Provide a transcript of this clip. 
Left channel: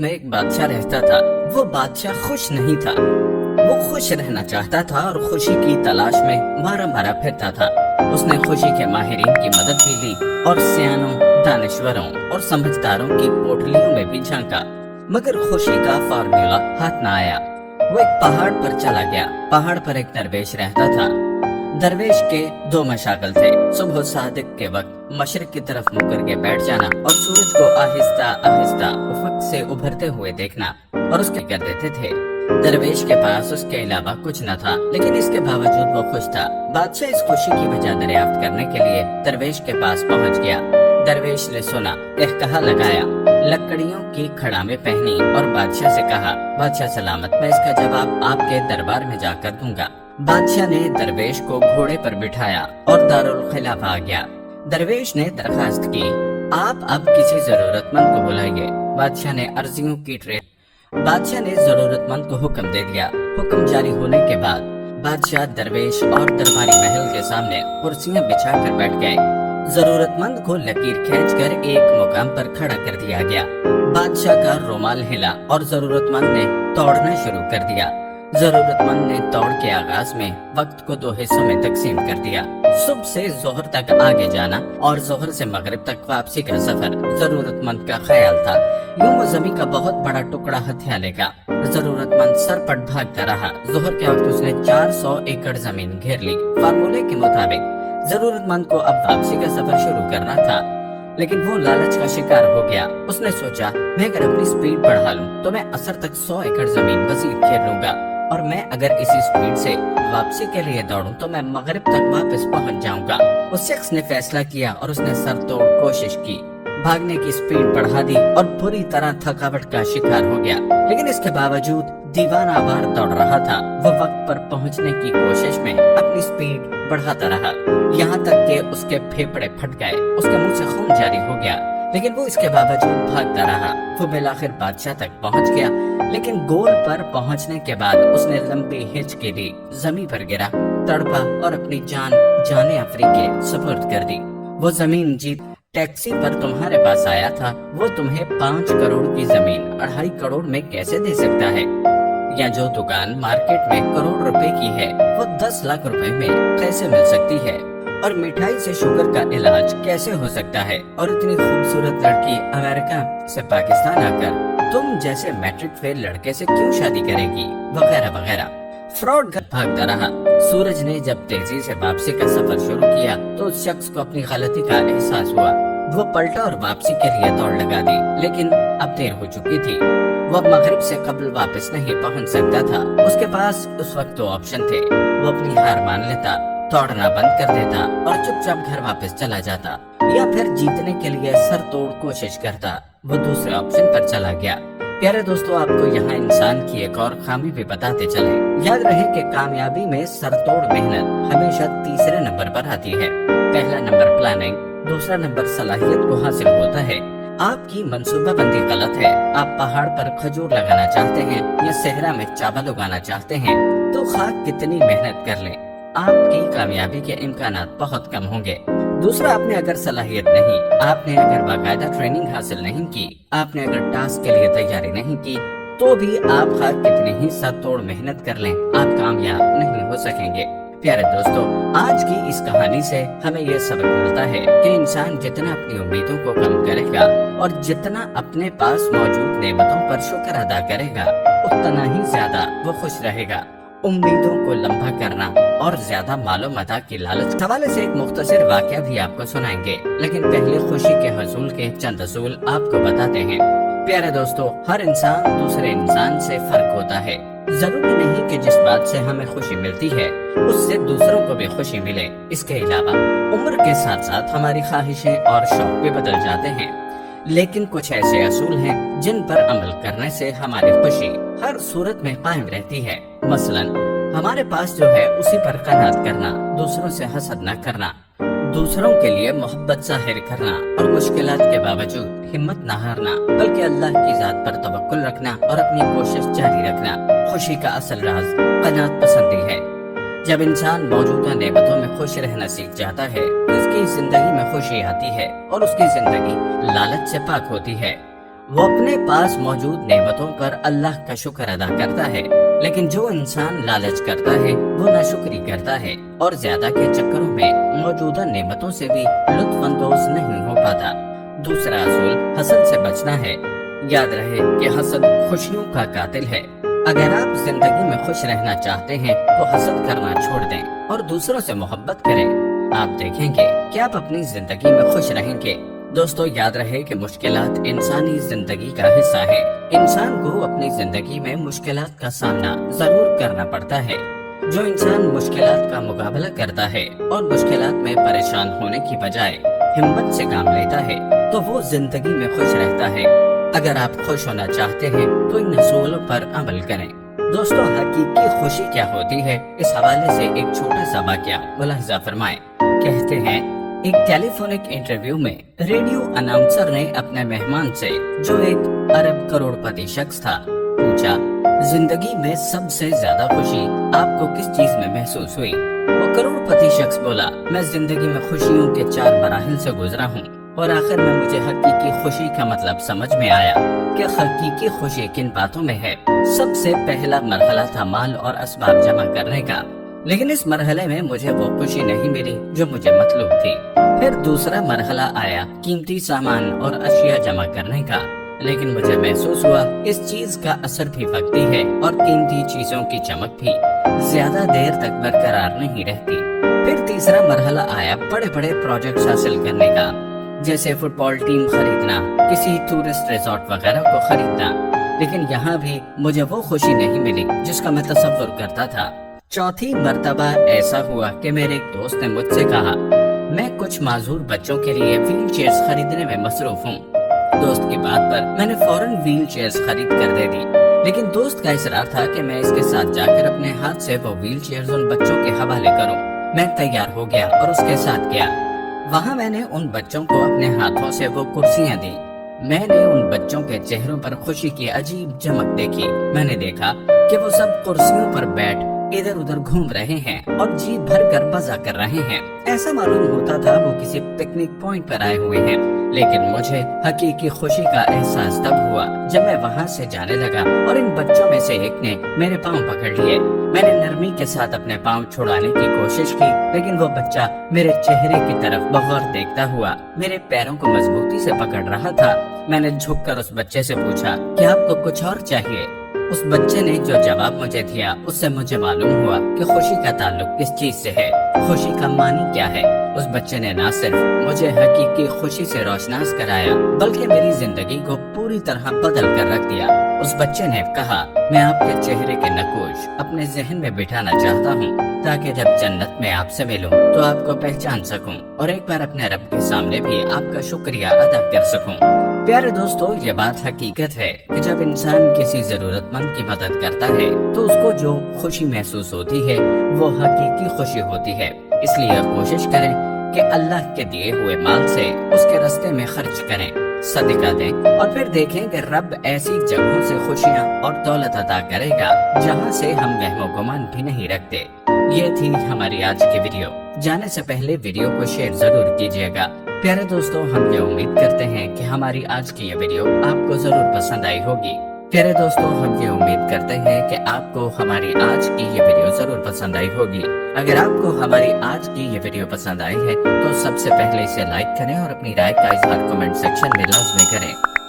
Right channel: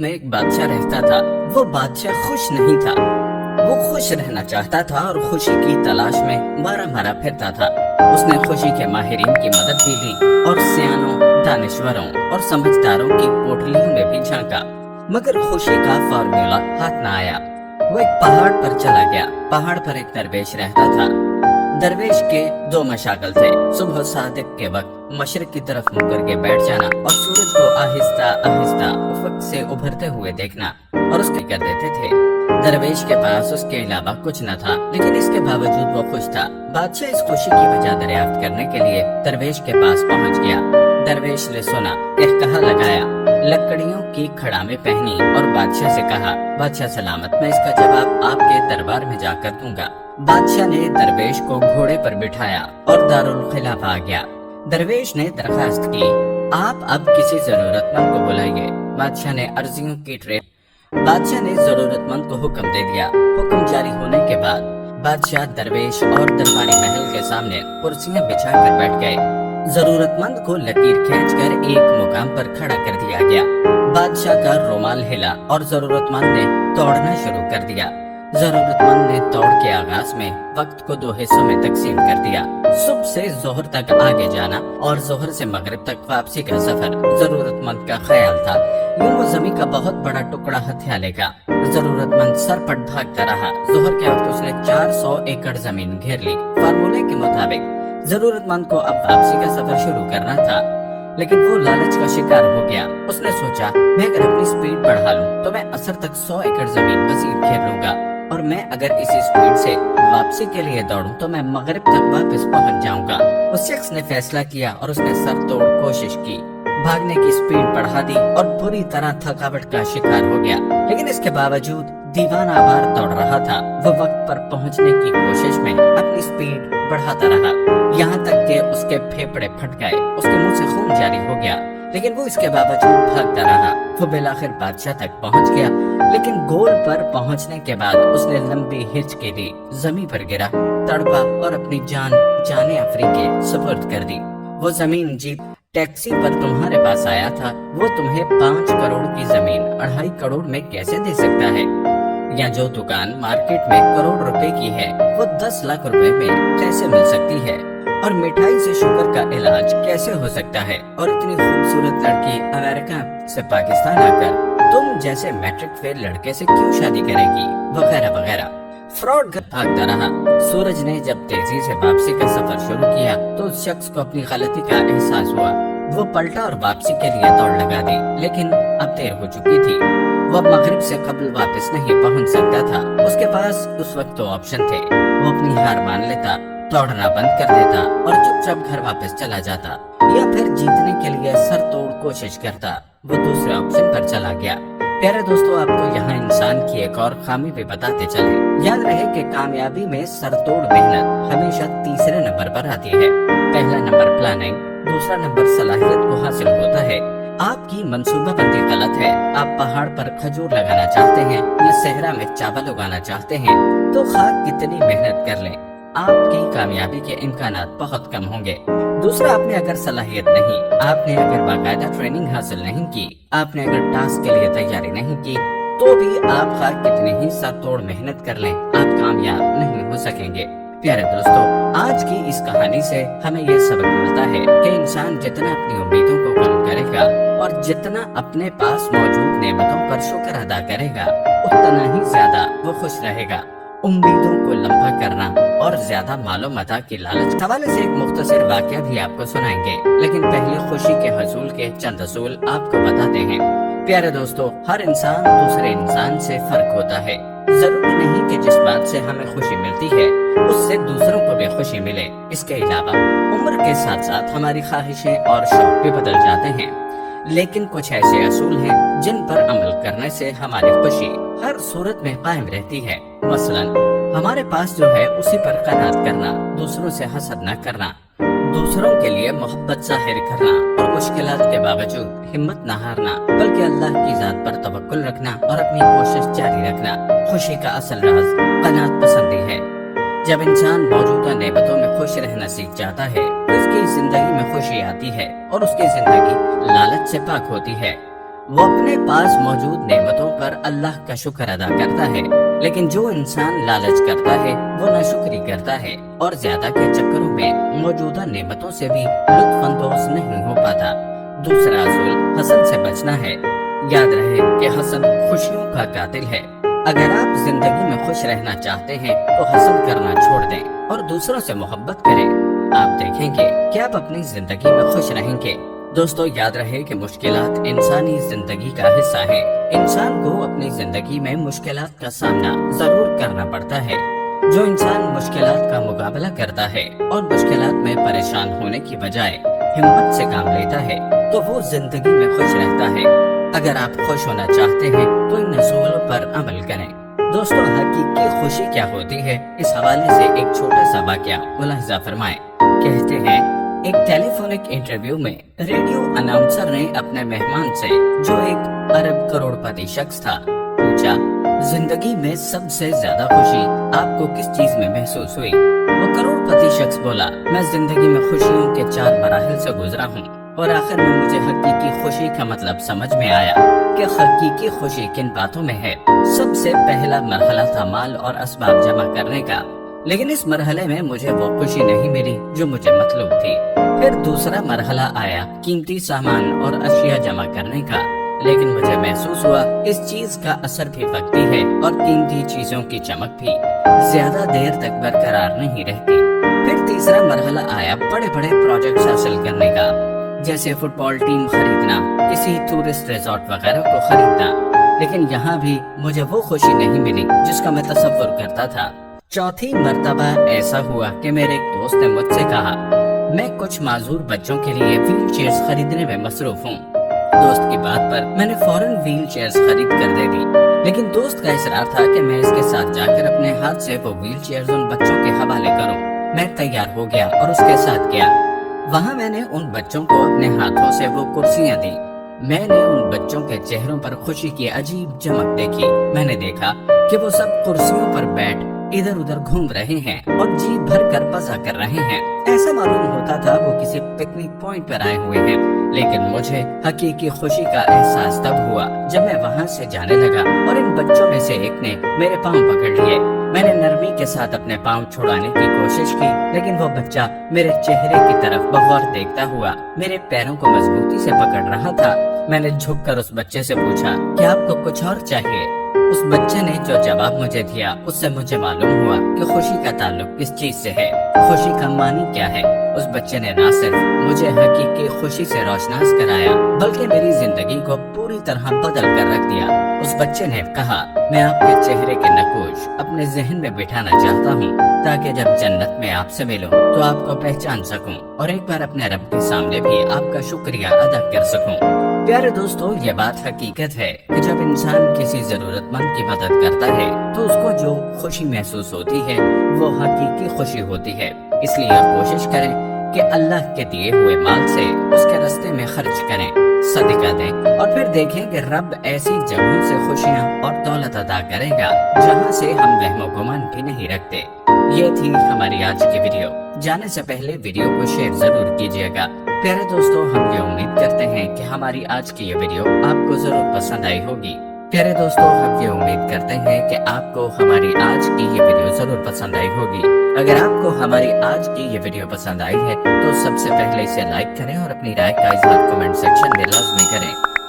में एक बादशाह रहता था। वो बादशाह खुश नहीं था। वो खुश रहना चाहता था और खुशी की तलाश में मारा मारा फिरता था। उसने खुशी के माहिरीन की मदद भी ली और सियानों, दानिश्वरों और समझदारों की पोटलियों में भी झांका, मगर खुशी का फार्मूला हाथ न आया। वो एक पहाड़ पर चला गया। पहाड़ पर एक दरवेश रहता था। दरवेश के दो मशागल थे। सुबह सादिक के वक्त मशरिक की तरफ मुड़ करके बैठ जाना और सूरज को आहिस्ता आहिस्ता उफक से उभरते हुए देखना, और उसके कर देते थे। दरवेश के पास उसके अलावा कुछ न था, लेकिन इसके बावजूद वो खुश था। बादशाह इस खुशी की वजह दरियाफ्त करने के लिए दरवेश के पास पहुंच गया। दरवेश ने सुना, कहकहा लगाया, लकड़ियों की खड़ामें पहनी और बादशाह से कहा, बादशाह सलामत, मैं इसका जवाब आपके दरबार में जाकर दूंगा। बादशाह ने दरवेश को घोड़े पर बिठाया और दारुल खिलाफ आ गया। दरवेश ने दरखास्त की, आप अब किसी जरूरतमंद को बुलाइए। बादशाह ने अर्जियों की बादशाह ने जरूरतमंद को हुक्म दे दिया। हुक्म जारी होने के बाद बादशाह दरवेश और दरबारी महल के सामने कुर्सियां बिछाकर बैठ गए। जरूरतमंद को लकीर खींचकर एक मुकाम पर खड़ा कर दिया गया। बादशाह का रुमाल हिला और जरूरतमंद ने दौड़ना शुरू कर दिया। जरूरतमंद ने दौड़ के आगाज में वक्त को दो हिस्सों में तकसीम कर दिया। सुबह से जोहर तक आगे जाना और जोहर से मगरिब तक वापसी का सफर जरूरतमंद का ख्याल था। यूं वो जमीन का बहुत बड़ा टुकड़ा हथिया लेगा। जरूरतमंद सरपट भागता रहा। जोहर के वक्त उसने 400 एकड़ जमीन घेर ली। फार्मूले के मुताबिक जरूरतमंद को अब वापसी का सफर शुरू करना था, लेकिन वो लालच का शिकार हो गया। उसने सोचा, मैं अगर अपनी स्पीड बढ़ा लूं तो मैं असर तक 100 एकड़ जमीन मजीद घेर लूंगा, और मैं अगर इसी स्पीड से वापसी के लिए दौड़ूं तो मैं मगरिब तक वापस पहुंच जाऊंगा। उस शख्स ने फैसला किया और उसने सर तोड़ कोशिश की। भागने की स्पीड बढ़ा दी और पूरी तरह थकावट का शिकार हो गया, लेकिन इसके बावजूद दीवाना वार दौड़ रहा था। वो वक्त पर पहुंचने की कोशिश में अपनी स्पीड बढ़ाता रहा, यहाँ तक कि उसके फेफड़े फट गए, उसके मुंह से खून जारी हो गया, लेकिन वो इसके बावजूद भागता रहा। वो बेलाखिर बादशाह तक पहुंच गया, लेकिन गोल पर पहुंचने के बाद उसने लंबी हिचकी ली, जमीन पर गिरा, तड़पा और अपनी जान जाने अफ्रीके सुपुर्द कर दी। वो जमीन जीत टैक्सी पर तुम्हारे पास आया था, वो तुम्हें 5 करोड़ की जमीन 2.5 करोड़ में कैसे दे सकता है? या जो दुकान मार्केट में करोड़ रुपए की है, वो 10 लाख रुपए में कैसे मिल सकती है? और मिठाई से शुगर का इलाज कैसे हो सकता है? और इतनी खूबसूरत लड़की अमेरिका से पाकिस्तान आकर तुम जैसे मैट्रिक फेल लड़के से क्यों शादी करेगी? वगैरह वगैरह। फ्रॉड घर भागता रहा। सूरज ने जब तेजी से वापसी का सफर शुरू किया तो उस शख्स को अपनी गलती का एहसास हुआ। वो पलटा और वापसी के लिए दौड़ लगा दी, लेकिन अब देर हो चुकी थी। वो अब मगरिब से कबल वापस नहीं पहुंच सकता था। उसके पास उस वक्त दो ऑप्शन थे। वो अपनी हार मान लेता, दौड़ना बंद कर देता और चुपचाप घर वापस चला जाता, या फिर जीतने के लिए सर तोड़ कोशिश करता। वो दूसरे ऑप्शन पर चला गया। प्यारे दोस्तों, आपको यहाँ इंसान की एक और खामी भी बताते चले। याद रहे कि कामयाबी में सरतोड़ मेहनत हमेशा तीसरे नंबर पर आती है। पहला नंबर प्लानिंग, दूसरा नंबर सलाहियत को हासिल होता है। आपकी मंसूबाबंदी गलत है। आप पहाड़ पर खजूर लगाना चाहते हैं या सहरा में चावल उगाना चाहते हैं, तो खाक कितनी मेहनत कर लें, आपकी कामयाबी के इम्कानात बहुत कम होंगे। दूसरा, आपने अगर सलाहियत नहीं, आपने अगर बाकायदा ट्रेनिंग हासिल नहीं की, आपने अगर टास्क के लिए तैयारी नहीं की, तो भी आप खाक कितनी ही सरतोड़ मेहनत कर लें, आप कामयाब नहीं हो सकेंगे। प्यारे दोस्तों, आज की इस कहानी से हमें यह सबक मिलता है कि इंसान जितना अपनी उम्मीदों को कम करेगा और जितना अपने पास मौजूद नेमतों पर शुक्र अदा करेगा, उतना ही ज्यादा वो खुश रहेगा। उम्मीदों को लंबा करना और ज्यादा मालो मता की लालच हवाले से एक मुख्तसर वाकया भी आपको सुनाएंगे, लेकिन पहले खुशी के हसूल के चंद असूल आपको बताते हैं। प्यारे दोस्तों, हर इंसान दूसरे इंसान से फर्क होता है। जरूरी नहीं कि जिस बात से हमें खुशी मिलती है उससे दूसरों को भी खुशी मिले। इसके अलावा उम्र के साथ साथ हमारी ख्वाहिशें और शौक भी बदल जाते हैं, लेकिन कुछ ऐसे असूल हैं जिन पर अमल करने से हमारी खुशी हर सूरत में कायम रहती है। मसलन, हमारे पास जो है उसी पर कनात करना, दूसरों से हसद न करना, दूसरों के लिए मोहब्बत जाहिर करना और मुश्किलात के बावजूद हिम्मत न हारना, बल्कि अल्लाह की जात पर तवक्कुल रखना और अपनी कोशिश जारी रखना। खुशी का असल राज कनात पसंदी है। जब इंसान मौजूदा नेमतों में खुश रहना सीख जाता है, उसकी जिंदगी में खुशी आती है और उसकी जिंदगी लालच से पाक होती है। وہ اپنے پاس موجود نعمتوں پر اللہ کا شکر ادا کرتا ہے، لیکن جو انسان لالچ کرتا ہے وہ ناشکری کرتا ہے اور زیادہ کے چکروں میں موجودہ نعمتوں سے بھی لطف اندوز نہیں ہو پاتا۔ دوسرا اصول حسد سے بچنا ہے۔ یاد رہے کہ حسد خوشیوں کا قاتل ہے۔ اگر آپ زندگی میں خوش رہنا چاہتے ہیں تو حسد کرنا چھوڑ دیں اور دوسروں سے محبت کریں۔ آپ دیکھیں گے کہ آپ اپنی زندگی میں خوش رہیں گے۔ دوستو، یاد رہے کہ مشکلات انسانی زندگی کا حصہ ہے۔ انسان کو اپنی زندگی میں مشکلات کا سامنا ضرور کرنا پڑتا ہے۔ جو انسان مشکلات کا مقابلہ کرتا ہے اور مشکلات میں پریشان ہونے کی بجائے ہمت سے کام لیتا ہے تو وہ زندگی میں خوش رہتا ہے۔ اگر آپ خوش ہونا چاہتے ہیں تو ان اصولوں پر عمل کریں۔ دوستو، حقیقی خوشی کیا ہوتی ہے، اس حوالے سے ایک چھوٹا سا واقعہ ملاحظہ فرمائیں۔ کہتے ہیں ایک ٹیلی فونک انٹرویو میں ریڈیو اناؤنسر نے اپنے مہمان سے، جو ایک ارب کروڑ پتی شخص تھا، پوچھا، زندگی میں سب سے زیادہ خوشی آپ کو کس چیز میں محسوس ہوئی؟ وہ کروڑ پتی شخص بولا، میں زندگی میں خوشیوں کے 4 مراحل سے گزرا ہوں اور آخر میں مجھے حقیقی خوشی کا مطلب سمجھ میں آیا کہ حقیقی خوشی کن باتوں میں ہے۔ سب سے پہلا مرحلہ تھا مال اور اسباب جمع کرنے کا، لیکن اس مرحلے میں مجھے وہ خوشی نہیں ملی جو مجھے مطلوب تھی۔ پھر دوسرا مرحلہ آیا قیمتی سامان اور اشیاء جمع کرنے کا، لیکن مجھے محسوس ہوا اس چیز کا اثر بھی وقتی ہے اور قیمتی چیزوں کی چمک بھی زیادہ دیر تک برقرار نہیں رہتی۔ پھر تیسرا مرحلہ آیا بڑے بڑے پروجیکٹس حاصل کرنے کا، جیسے فٹ بال ٹیم خریدنا، کسی ٹورسٹ ریزورٹ وغیرہ کو خریدنا، لیکن یہاں بھی مجھے وہ خوشی نہیں ملی جس کا میں تصور کرتا تھا۔ چوتھی مرتبہ ایسا ہوا کہ میرے ایک دوست نے مجھ سے کہا، میں کچھ معذور بچوں کے لیے ویل چیئرز خریدنے میں مصروف ہوں۔ دوست کی بات پر میں نے فوراً ویل چیئرز خرید کر دے دی، لیکن دوست کا اصرار تھا کہ میں اس کے ساتھ جا کر اپنے ہاتھ سے وہ ویل چیئرز ان بچوں کے حوالے کروں۔ میں تیار ہو گیا اور اس کے ساتھ گیا۔ وہاں میں نے ان بچوں کو اپنے ہاتھوں سے وہ کرسیاں دی۔ میں نے ان بچوں کے چہروں پر خوشی کی عجیب چمک دیکھی۔ میں نے دیکھا کہ وہ سب کرسیوں پر بیٹھ ادھر ادھر گھوم رہے ہیں اور جی بھر کر مزہ کر رہے ہیں۔ ایسا معلوم ہوتا تھا وہ کسی پکنک پوائنٹ پر آئے ہوئے ہیں، لیکن مجھے حقیقی خوشی کا احساس تب ہوا جب میں وہاں سے جانے لگا اور ان بچوں میں سے ایک نے میرے پاؤں پکڑ لیے۔ میں نے نرمی کے ساتھ اپنے پاؤں چھڑانے کی کوشش کی، لیکن وہ بچہ میرے چہرے کی طرف بغور دیکھتا ہوا میرے پیروں کو مضبوطی سے پکڑ رہا تھا۔ میں نے جھک کر اس بچے سے پوچھا، کیا آپ کو کچھ اور چاہیے؟ اس بچے نے جو جواب مجھے دیا اس سے مجھے معلوم ہوا کہ خوشی کا تعلق کس چیز سے ہے، خوشی کا معنی کیا ہے۔ اس بچے نے نہ صرف مجھے حقیقی خوشی سے روشناس کرایا بلکہ میری زندگی کو پوری طرح بدل کر رکھ دیا۔ اس بچے نے کہا، میں آپ کے چہرے کے نقوش اپنے ذہن میں بٹھانا چاہتا ہوں تاکہ جب جنت میں آپ سے ملوں تو آپ کو پہچان سکوں اور ایک بار اپنے رب کے سامنے بھی آپ کا شکریہ ادا کر سکوں۔ پیارے دوستو، یہ بات حقیقت ہے کہ جب انسان کسی ضرورت مند کی مدد کرتا ہے تو اس کو جو خوشی محسوس ہوتی ہے وہ حقیقی خوشی ہوتی ہے۔ اس لیے کوشش کریں کہ اللہ کے دیے ہوئے مال سے اس کے راستے میں خرچ کریں، صدقہ دیں، اور پھر دیکھیں کہ رب ایسی جگہوں سے خوشیاں اور دولت عطا کرے گا جہاں سے ہم وہم و گمان بھی نہیں رکھتے۔ یہ تھی ہماری آج کی ویڈیو۔ جانے سے پہلے ویڈیو کو شیئر ضرور کیجیے گا۔ پیارے دوستو، ہم یہ امید کرتے ہیں کہ ہماری آج کی یہ ویڈیو آپ کو ضرور پسند آئی ہوگی۔ پیارے دوستو، ہم یہ امید کرتے ہیں کہ آپ کو ہماری آج کی یہ ویڈیو ضرور پسند آئی ہوگی۔ اگر آپ کو ہماری آج کی یہ ویڈیو پسند آئی ہے تو سب سے پہلے اسے لائک کریں اور اپنی رائے کا اظہار کمنٹ سیکشن میں لازمی کریں۔